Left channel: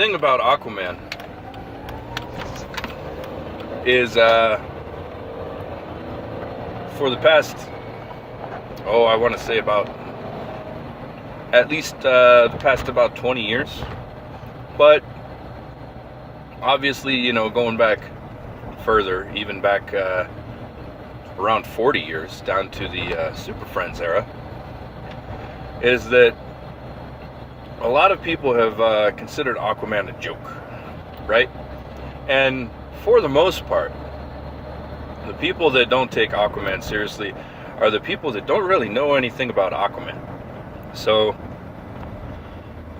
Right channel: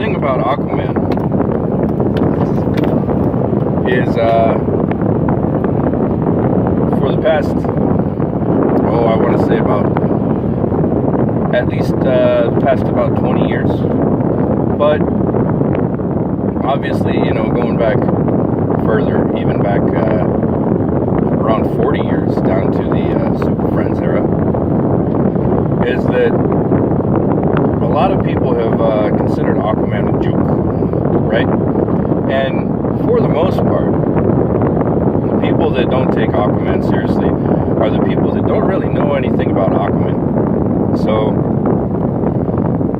thing about Aquaman is for the past, I want to say about at least the past about 20 years, but obviously, going back further, even back around 40 years, down to the Super Friends era, is that a lot of people have considered Aquaman a joke, right? And for the most part, the people that don't take Aquaman seriously are the people that don't really know anything about Aquaman. So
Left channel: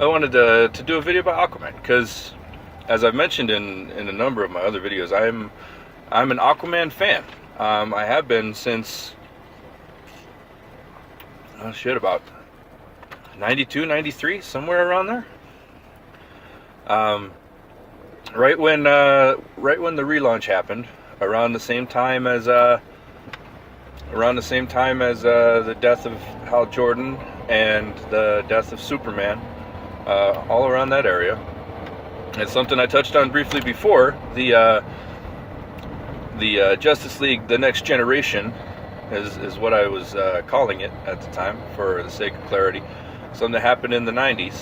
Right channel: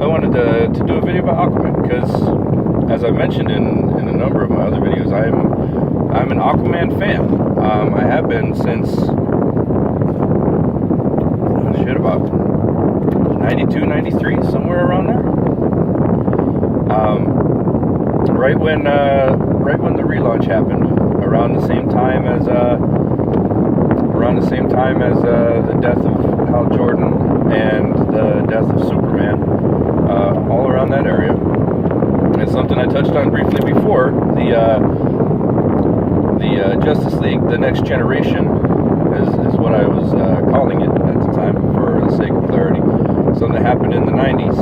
I wanted to do a video about Aquaman because, as I mentioned in a number of my other videos, I'm an Aquaman fan. I have been since about 92, 93, somewhere around there. Right when the relaunch happened, around the same time as the death of Hal Jordan and the death of Superman, all around that area. It's something I touched on briefly before. The Justice League, The Next Generation, is what I was calling it at the time, for the sake of clarity. Something that happened in the 90s.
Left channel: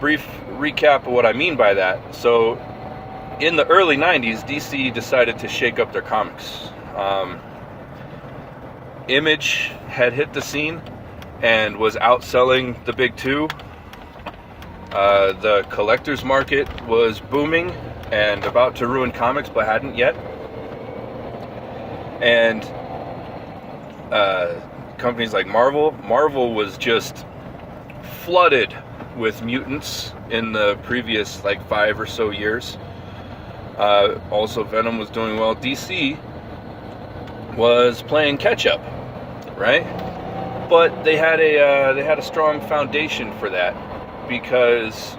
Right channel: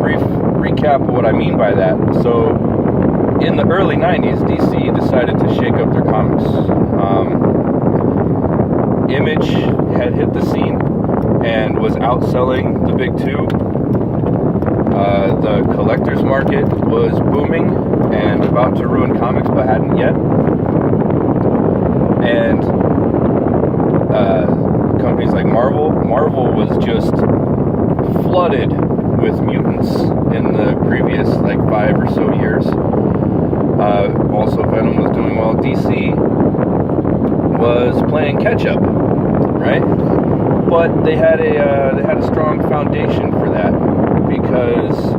Brief recap of what I mean by that. So, in the early 90s, DC decided to shake up their comics. Image had hit the scene and was outselling the big two. The collector's market was booming and about to ruin comics, but hadn't yet. And companies like Marvel was just flooded with mutants in the previous 5 or so years. Also, Venom was doing well. DC was playing catch up, right? But they had a strong foundation for that because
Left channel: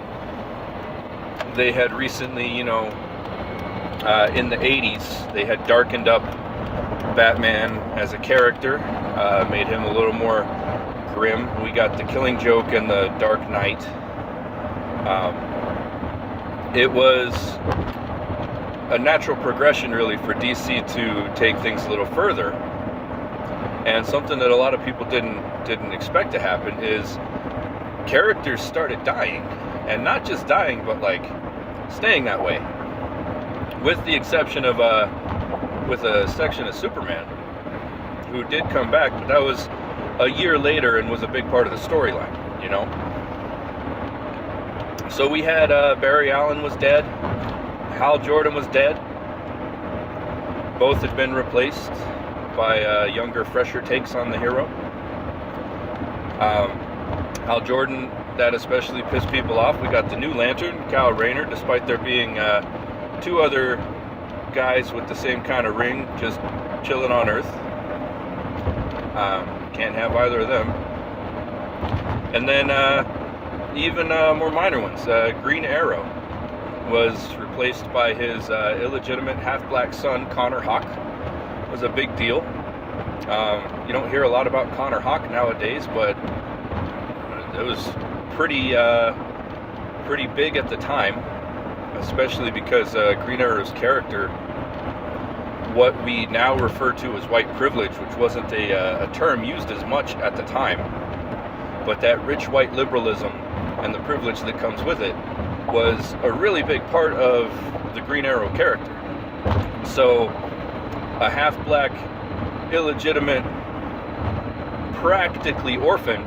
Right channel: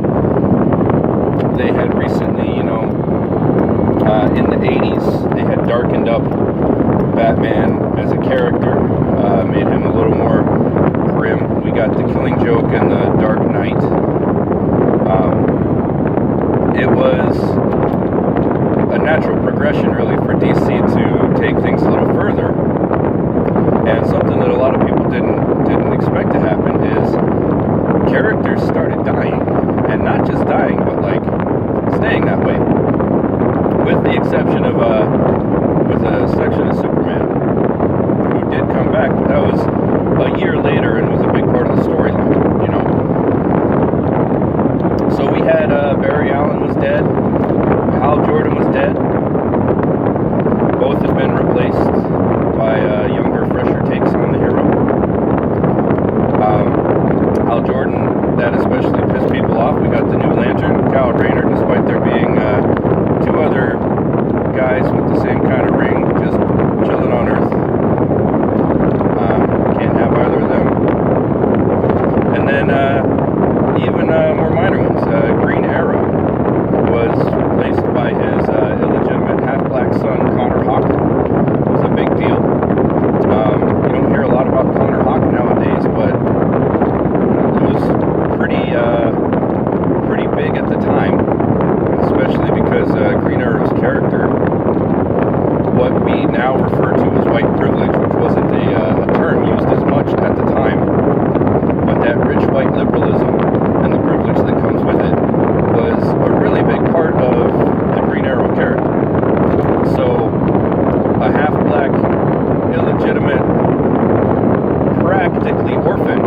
they had recently, in the 80s, they had darkened up Batman as a character, made him a little more grim. We got the Killing Joke and the Dark Knight. It was a natural progression, really, for DC to take things a little further. And something that a lot of people didn't expect to happen is characters started dying, and not just dying, but staying that way. With the exception of with a section of Superman, who did come back, but that was a year later and was a big part of the storyline, So we had Barry Allen was dead, Hal Jordan was dead. Both had been replaced by younger, fresher takes on the hero. Hal Jordan, that especially pissed people off. We got the new Lantern, Kyle Rayner, despite there being two other guys with the same kind of ring, just chilling on Earth. Can't have either of them. And then even more minor ones. Green Arrow was replaced by his illegitimate half-black son, Connor Hawke. It was a big deal. You don't hear a lot about Connor Hawke nowadays, but it was pretty big at the time, especially because Green Arrow's character, what we now refer to as white privilege, which wasn't a term used as much at the time, but that rich white liberalism and the privilege that comes with it was a really big part of the Green Arrow character. So a half-black, illegitimate, practically orphan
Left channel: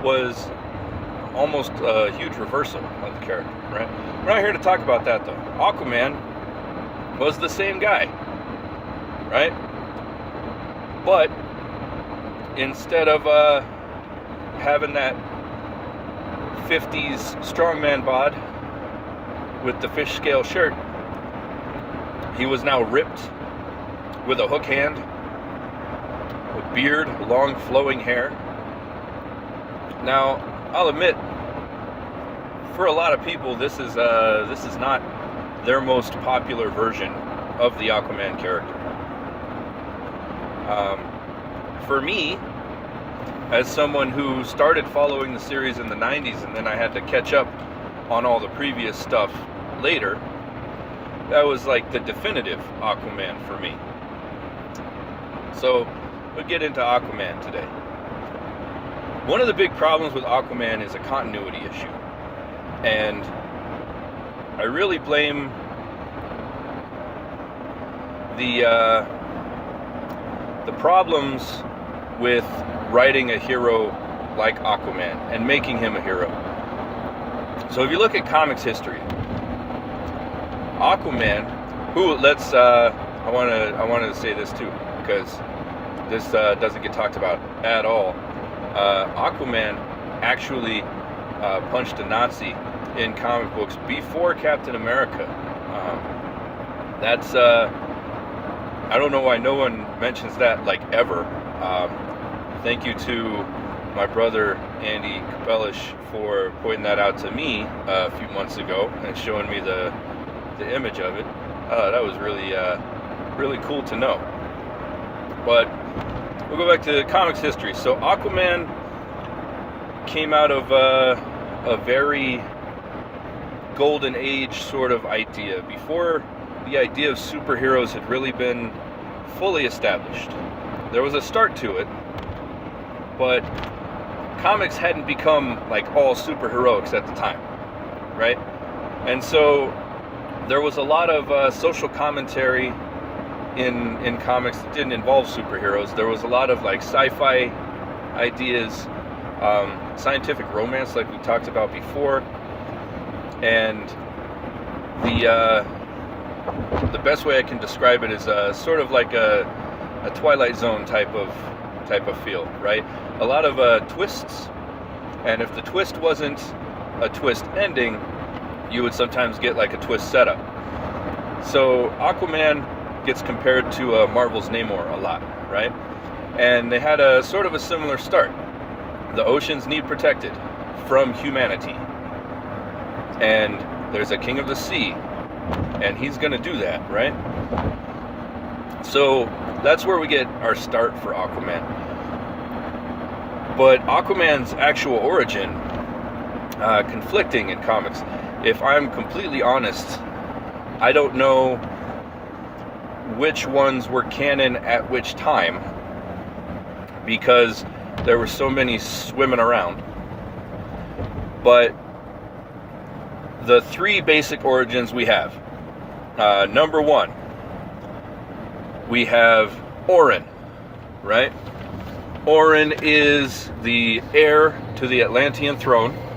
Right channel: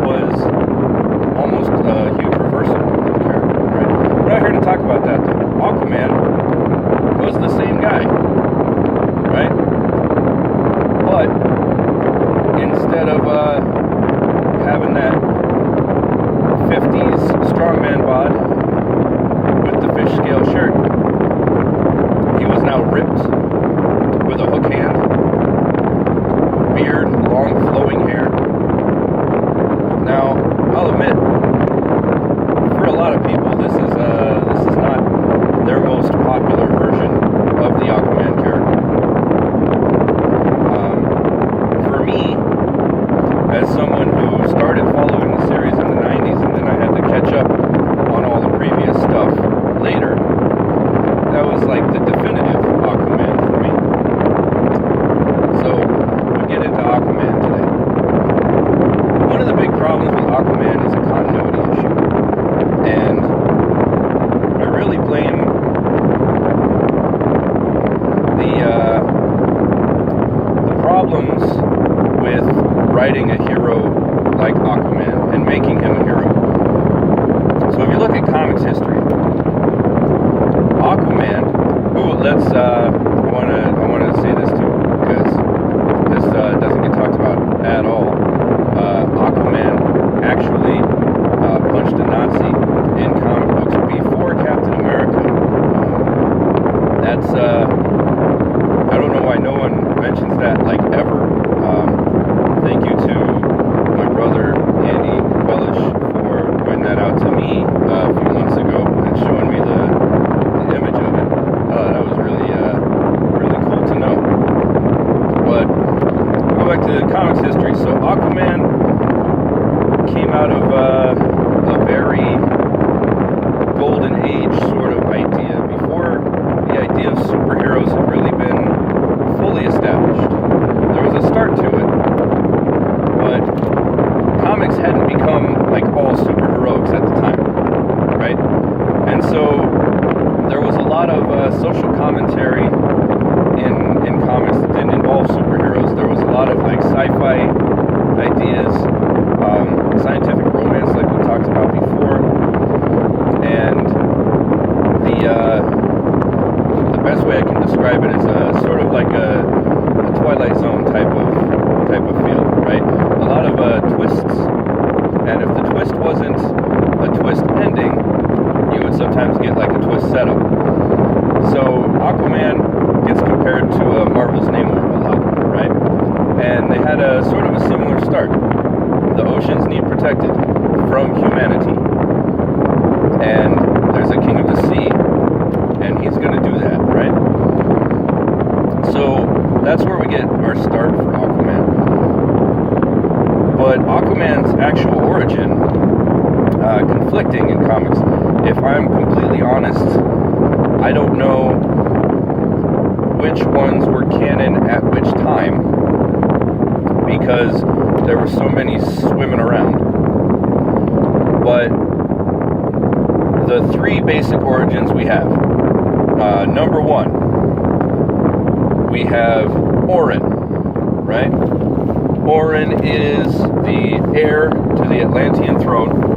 was almost a huge reversal of the character, right? We're not here to talk about that, though. Aquaman was the same guy, right? But instead of having that 50s strongman bod with the fish scale shirt, he was now ripped with a hook hand, beard, long flowing hair. Now, I'll admit, for a lot of people, this is not their most popular version of the Aquaman character. For me, as someone who started following the series in the 90s and then I had to catch later, that was like the definitive Aquaman for me. So, we'll get into Aquaman today. One of the big problems with Aquaman is a continuity issue. And I really blame the problems with writing a hero like Aquaman and making him a hero. So if you look at comics history, Aquaman, I want to say this too, because this doesn't get talked about at all. Aquaman actually punched a Nazi in comic books before Captain America. I don't know why no one mentions that, like, ever. Thank you to my brother Andy Capellish for pointing that out to me a few months ago and showing me the image of it. That was really cool to know. But we'll go back to comics history. So Aquaman came out of a very golden age sort of idea, before the idea of superheroes had really been fully established. There was a start to it, but comics hadn't become like all superheroics at the time, right? And so there was a lot of social commentary in comics that didn't involve superheroes. There was a lot of like sci-fi ideas, scientific romance like we talked about before, and the best way I can describe it is sort of like a Twilight Zone type of feel, right? A lot of twists, and if the twist wasn't a twist ending, you would sometimes get like a twist setup. So Aquaman gets compared to Marvel's Namor a lot, right? And they had a sort of a similar start. The oceans need protected from humanity, and there's a king of the sea, and he's going to do that, right? So that's where we get our start for Aquaman. But Aquaman's actual origin, conflicting in comics. If I'm completely honest, I don't know which ones were canon at which time, because there were so many swimming around. But the three basic origins we have. Number one, we have Orin, right? Orin is the heir to the Atlantean throne.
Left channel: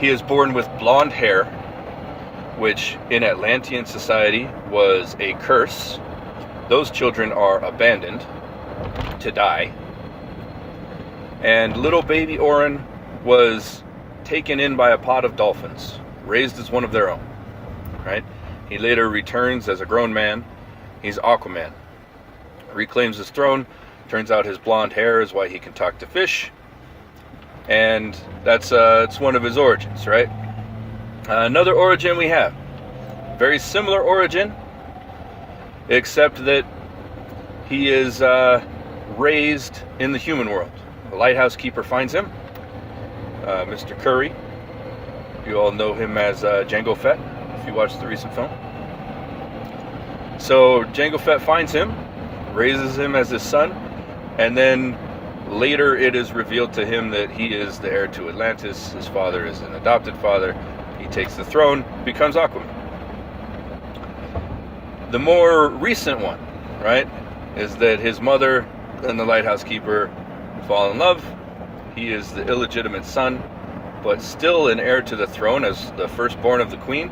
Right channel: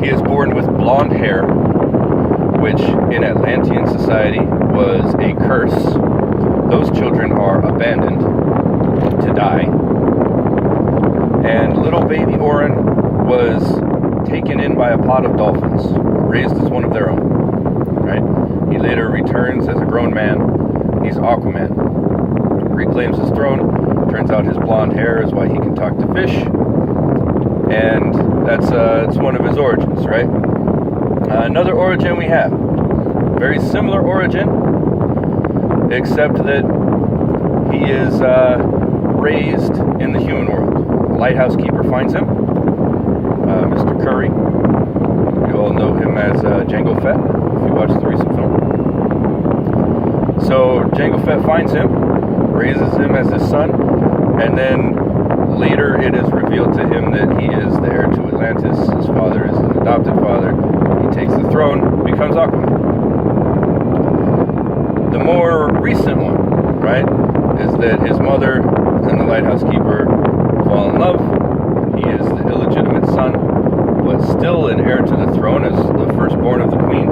He is born with blonde hair, which in Atlantean society was a curse. Those children are abandoned to die. And little baby Orin was taken in by a pod of dolphins, raised as one of their own, right? He later returns as a grown man. He's Aquaman. Reclaims his throne. Turns out his blonde hair is why he can talk to fish. And that's it's one of his origins, right? Another origin we have. Very similar origin, except that he is raised in the human world. A lighthouse keeper finds him, Mr. Curry. You all know him as Jango Fett, if you watched the recent film. So Jango Fett finds him, raises him as his son, and then later it is revealed to him that he is the heir to Atlantis. His father is an adopted father. He takes the throne, becomes Aquaman. The more recent one, right, is that his mother and the lighthouse keeper fall in love. He is the illegitimate son, but still an heir to the throne as the firstborn of the queen.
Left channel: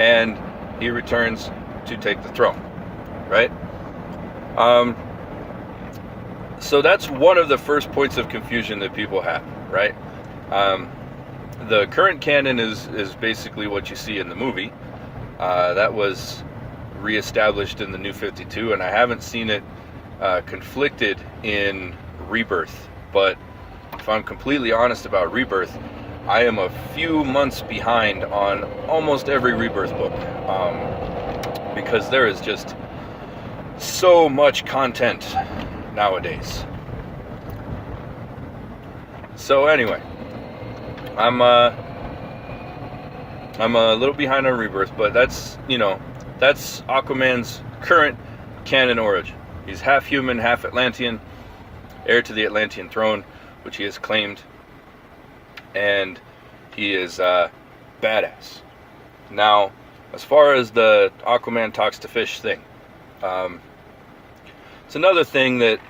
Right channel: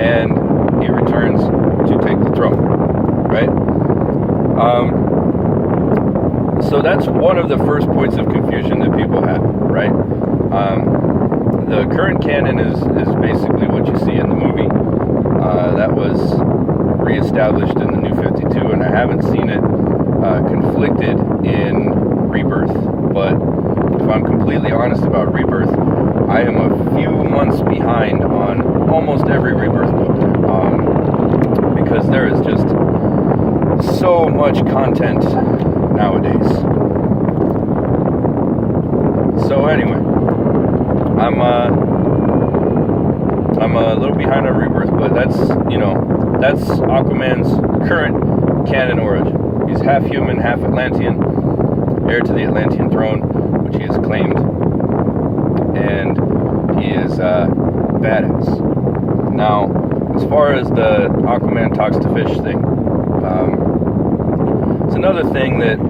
And he returns to take the throne, right? So that's one of the first points of confusion that people have, right? The current canon is basically what you see in the movie. That was reestablished in the New 52, and I haven't seen it conflicted in Rebirth. But if I'm completely honest about Rebirth, I am a few months behind on almost every Rebirth book, because there is just so much content nowadays. So anyway, I'm a little behind on Rebirth, but that's Aquaman's current canon origin. He's half human, half Atlantean, heir to the Atlantean throne, which he has claimed, and he is badass. Now, as far as the Aquaman talks to fish thing, it's another thing that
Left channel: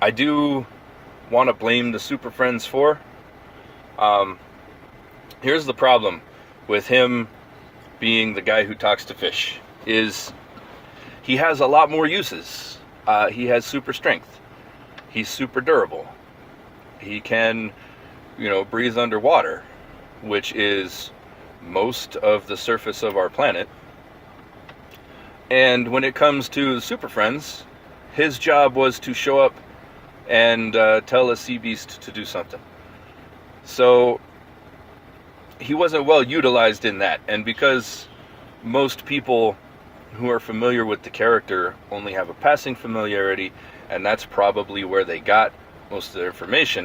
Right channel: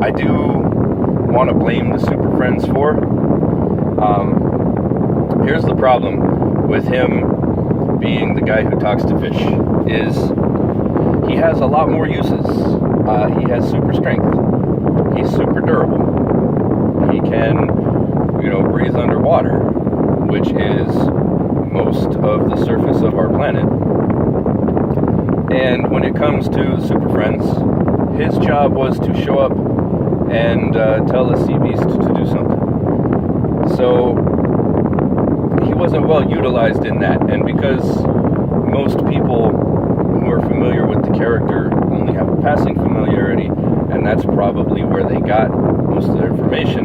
I do want to blame the Super Friends for. Here's the problem with him being the guy who talks to fish, is he has a lot more uses. He has super strength. He's super durable. He can, breathe underwater, which is most of the surface of our planet. And when it comes to the Super Friends, his job was to show up and tell a sea beast to do something. So he wasn't well utilized in that, and because most people who are familiar with the character only have a passing familiarity, and that's probably where they got most of their information,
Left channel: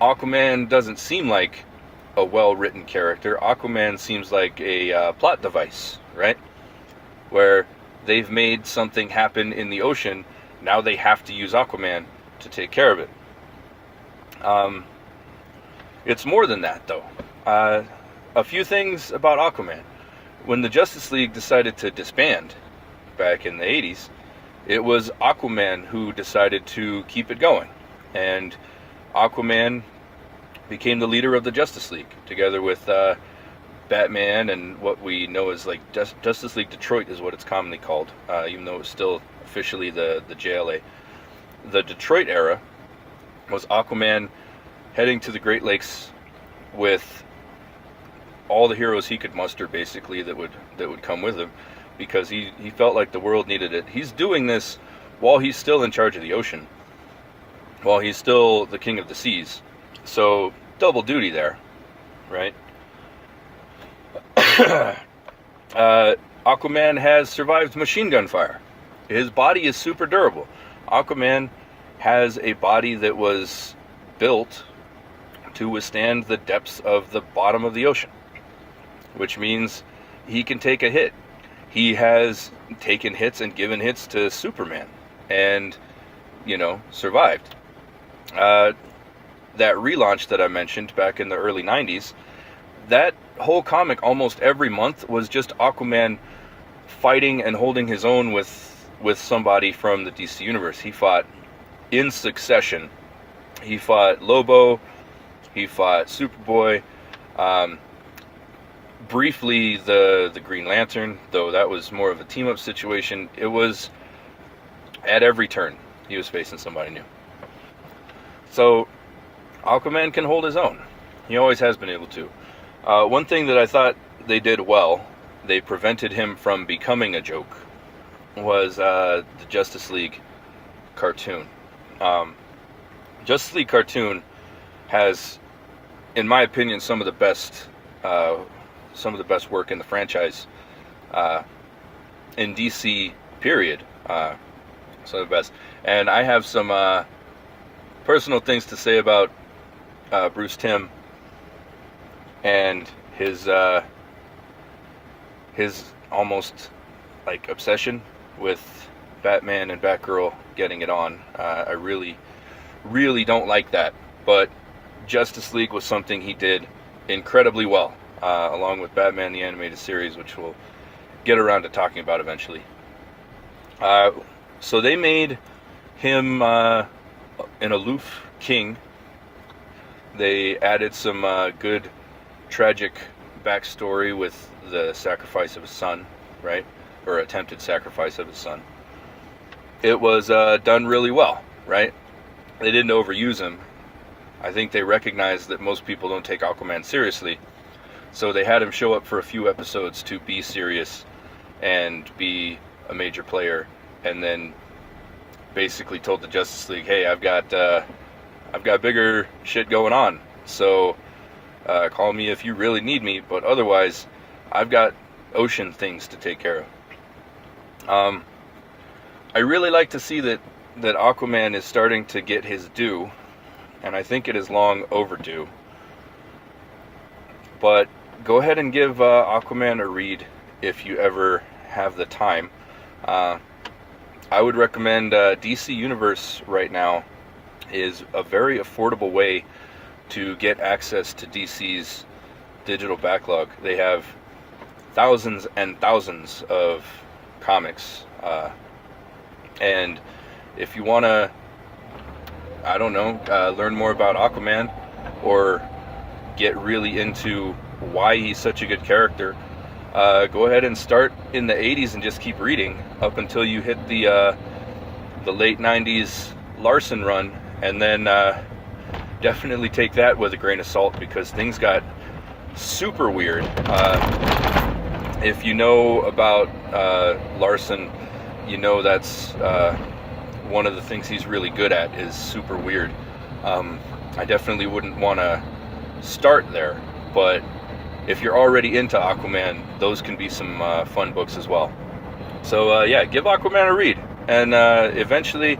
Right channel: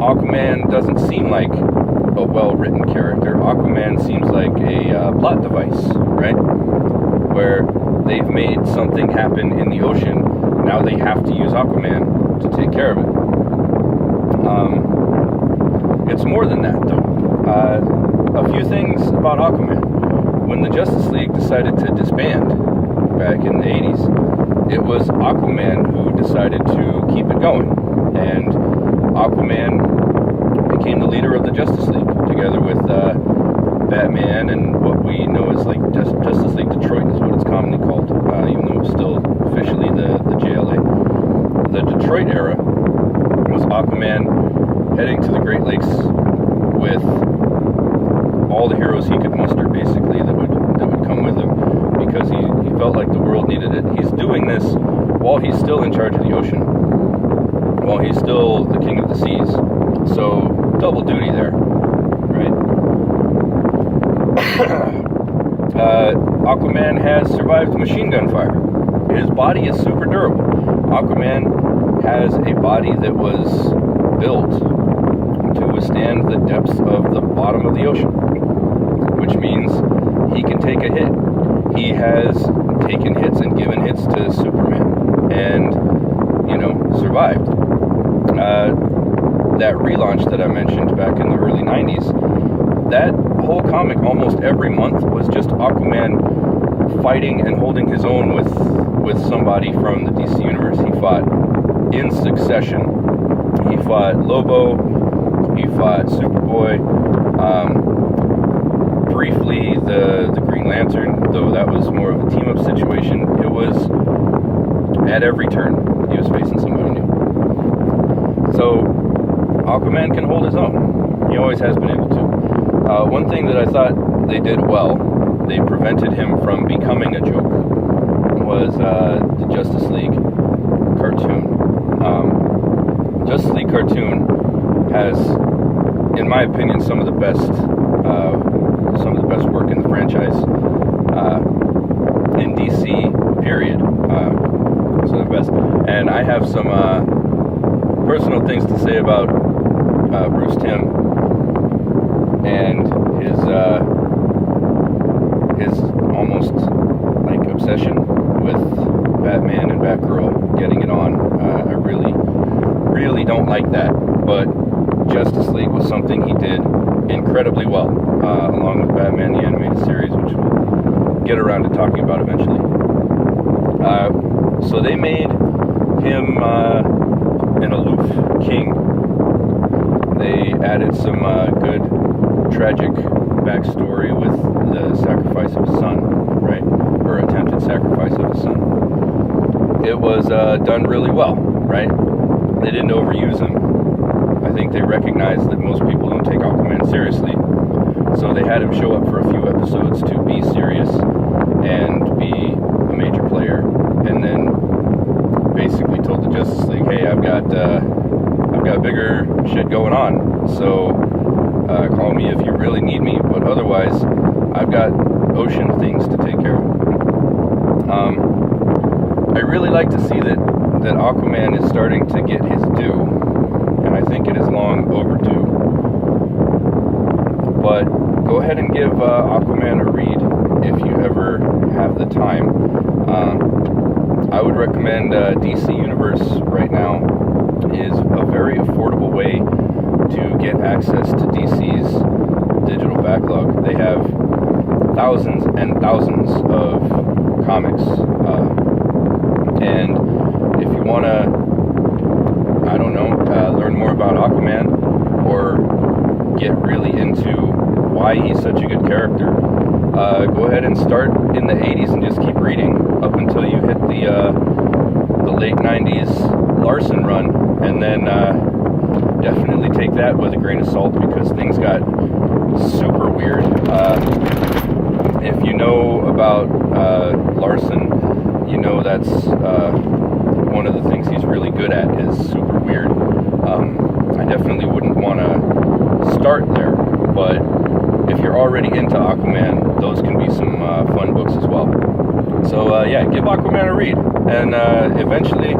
Aquaman doesn't seem like a well-written character. Aquaman seems like a plot device, right? Where they've made something happen in the ocean, now they have to use Aquaman to take care of it. It's more than that, though. A few things about Aquaman. When the Justice League decided to disband back in the 80s, it was Aquaman who decided to keep it going. And Aquaman became the leader of the Justice League, together with Batman and what we know as like Justice League Detroit is what it's commonly called, even though it's still officially the JLA. The Detroit era was Aquaman heading to the Great Lakes with all the heroes he could muster, basically, that would come with him, because he felt like the world needed it. He's doing this while he's still in charge of the ocean, while he's still the king of the seas. So double duty there, right? Aquaman has survived machine gun fire. His body is super durable. Aquaman has a body that was built to withstand the depths of the bottom of the ocean, which means he can take a hit. He has taken hits and given hits to Superman and, survived. That relaunch that I mentioned back in the early 90s, that whole comic almost every month was just Aquaman fighting and holding his own with somebody from the DC universe. He fought in succession. He fought Lobo, he fought Superboy, briefly the Green Lantern, though that was more of a team-up situation. It was at every turn he was facing somebody new. So Aquaman can hold his own. He always has been able to. One thing that I thought they did well, they prevented him from becoming a joke, was the Justice League cartoon. Justice League cartoon has, in my opinion, some of the best work in the franchise in DC. Period. Some of the best. And I have some personal things to say about Bruce Timm and his almost like obsession with Batman and Batgirl getting it on. I really don't like that, but Justice League was something he did incredibly well, along with Batman the Animated Series, which we'll get around to talking about eventually. So they made him an aloof king. They added some good tragic backstory with the sacrifice of his son, right? Or attempted sacrifice of his son. It was done really well, right? They didn't overuse him. I think they recognized that most people don't take Aquaman seriously, so they had him show up for a few episodes to be serious and be a major player, and then basically told the Justice League, hey, I've got bigger shit going on, so call me if you really need me, but otherwise I've got ocean things to take care of. I really like to see that Aquaman is starting to get his due, and I think it is long overdue. But go ahead and give Aquaman a read if you ever have the time. I would recommend DC Universe right now is a very affordable way to get access to DC's digital backlog. They have thousands and thousands of comics, and if you want to, I don't know, learn more about Aquaman or get really into why he's such a good character, go ahead and start in the 80s and just keep reading up until you hit the late 90s Larson run, and then definitely take that with a grain of salt, because things got super weird. If you know about Larson, you know that's one of the things he's really good at is super weird. I definitely wouldn't want to start there, but if you're already into Aquaman, those can be some fun books as well. So yeah, give Aquaman a read, and eventually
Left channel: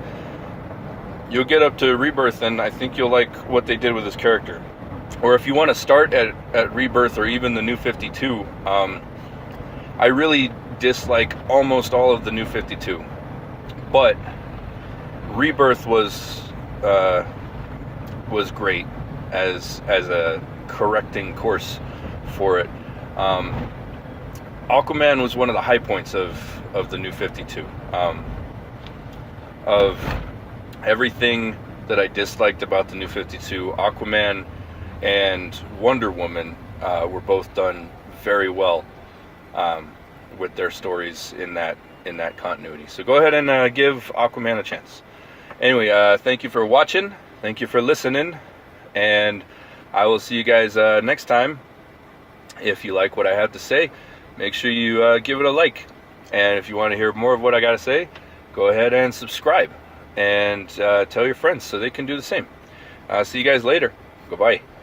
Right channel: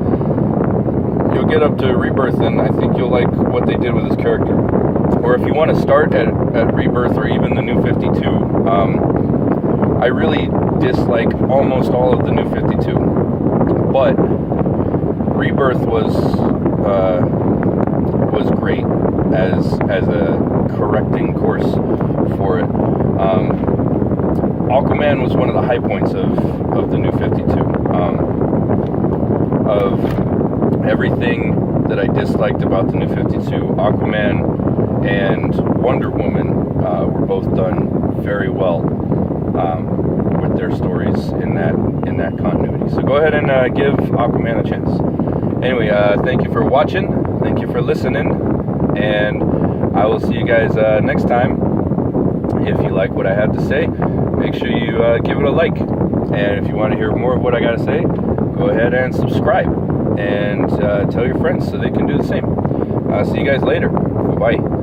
you'll get up to Rebirth, and I think you'll like what they did with his character. Or if you want to start at Rebirth or even the New 52, I really dislike almost all of the New 52, but Rebirth was great as a correcting course for it. Aquaman was one of the high points of the New 52. Of everything that I disliked about the New 52, Aquaman and Wonder Woman were both done very well with their stories in that continuity. So go ahead and give Aquaman a chance. Anyway, thank you for watching. Thank you for listening, and I will see you guys next time. If you like what I have to say, make sure you give it a like. And if you want to hear more of what I got to say, go ahead and subscribe. And tell your friends so they can do the same. See you guys later. Bye-bye.